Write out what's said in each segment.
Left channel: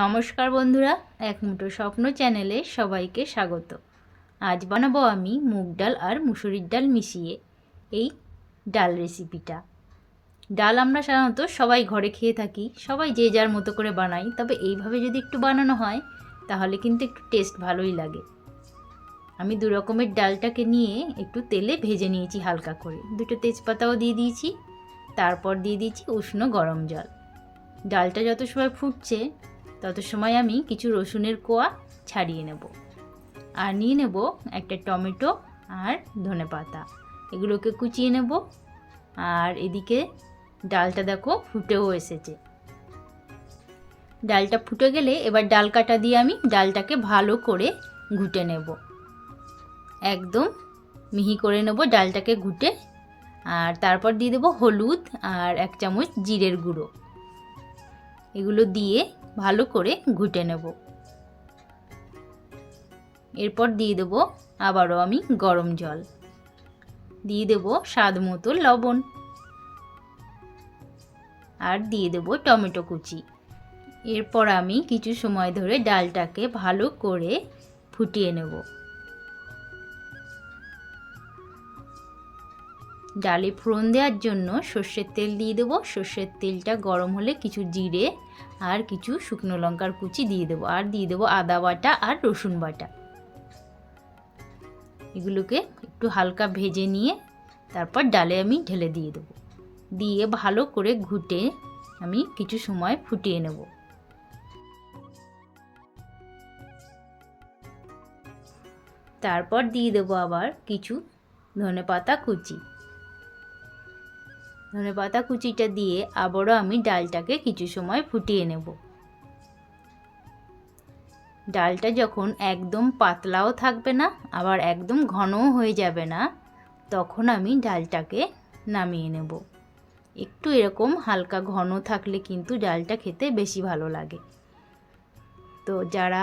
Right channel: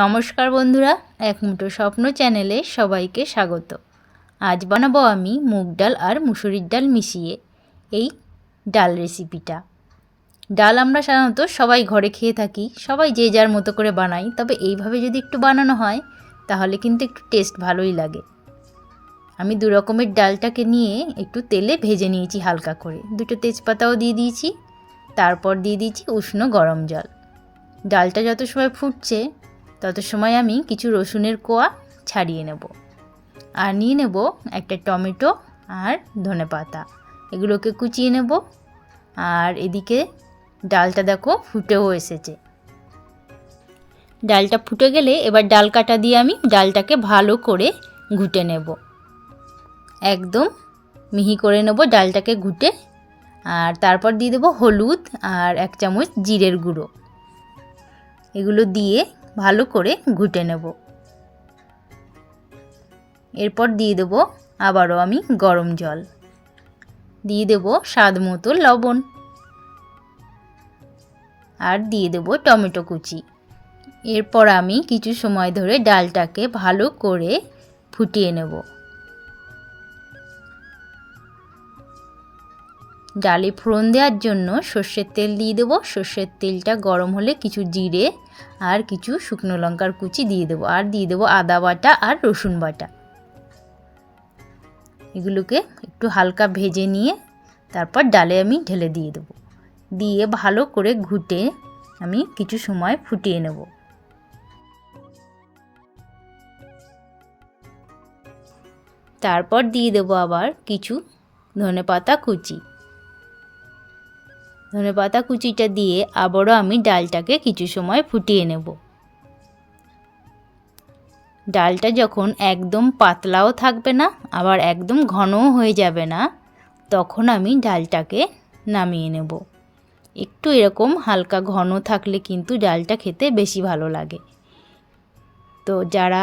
নমস্কার বন্ধুরা, এক মুঠো স্বপ্ন চ্যানেলে সবাইকে স্বাগত। আজ বানাবো আমি মুগ ডাল আর মুসুরির ডাল মিশিয়ে এই ডাল রেসিপিটা। ডাল আমরা সাধারণত সবাই ঘরে খেয়ে থাকি, সবাই যে যার মতো করে বানাই, তবে এইভাবে যদি একটু বানানো হয় তাহলে কিন্তু একটু টেস্ট ভালোই লাগে। আমি দু রকমের ডালটাকে নিয়ে একটু তেলে ভেজে নিয়েছি হালকা করে, দুটো তেজপাতাও দিয়ে দিয়েছি, তারপর দিয়ে দিয়েছি উষ্ণ গরম জল। ডালটা যত সময় ফুটছে তত সময় আমি কিছু রসুনের কোয়া ছাড়িয়ে নেব, আর নিয়ে নেব একটা টমেটো আর ধনেপাতা, এগুলোকে কুচিয়ে নেব। আর এদিকে ডালটা দেখো ফুটেও এসেছে। ডালটা ফুটে গেলে এবার ডাল কাটা দিয়ে আমি ডালটাকে ভালো করে ঘুটে নেব, একদম মিহি করে নেব ডালটাকে ঘুটে। আর তারপর দিয়ে দেবো হলুদ আর 1 চামচ জিরের গুঁড়ো, এগুলো দিয়ে ভালো করে ঘুটে নেব। এরপর দিয়ে দেবো আবারও আমি গরম জল, দিয়ে দেবো স্বাদ মতো লবণ, আর দিয়ে দেবো টমেটো কুচি। এরপর আমি কিছু সময় ধরে ডালটাকে ভালো করে ফুটিয়ে নেব। ডালে ফোড়ন দেওয়ার জন্য সর্ষের তেল দিয়ে দেবো। সর্ষের তেলটা গরম হলে কিছু জিরে আর কিছু শুকনো লঙ্কার কুচি দিয়ে দেবো, আর দিয়ে দেবো আদা বাটা আর রসুন বাটা। এগুলোকে একটু হালকা ভেজে নিয়ে তারপর ডালে আমি ঢেলে দিয়ে দেবো, দিয়ে ভালো করে ঘুটে আমি কিছু সময় ফুটিয়ে নেব। তারপর দিয়ে দেবো আবার কিছু ধনেপাতা কুচি। ধনেপাতা কুচিটা দিয়ে আবারও আমি ডালটাকে কিছু সময় ফুটিয়ে নেব। ডালটা যখন একদম পাতলাও থাকবে না আবার একদম ঘনও হয়ে যাবে না, তখন আমি ডালটাকে নামিয়ে নেব। একটু এরকম হালকা ঘন থাকলে কিন্তু ডালটা খেতে বেশি ভালো লাগে। তো যারা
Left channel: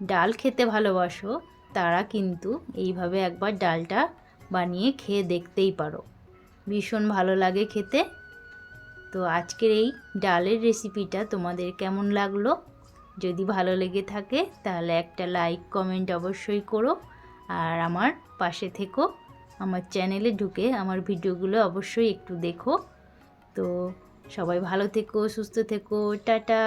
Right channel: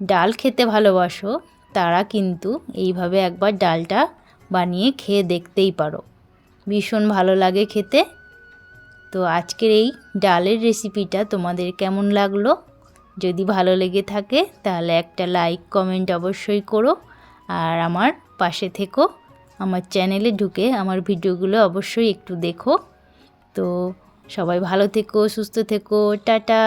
ডাল খেতে ভালোবাসো তারা কিন্তু এইভাবে একবার ডালটা বানিয়ে খেয়ে দেখতেই পারো, ভীষণ ভালো লাগে খেতে। তো আজকের এই ডালের রেসিপিটা তোমাদের কেমন লাগলো? যদি ভালো লেগে থাকে তাহলে একটা লাইক কমেন্ট অবশ্যই করো, আর আমার পাশে থেকো। আমার চ্যানেলে ঢুকে আমার ভিডিওগুলো অবশ্যই একটু দেখো। তো সবাই ভালো থেকো, সুস্থ থেকো, টাটা।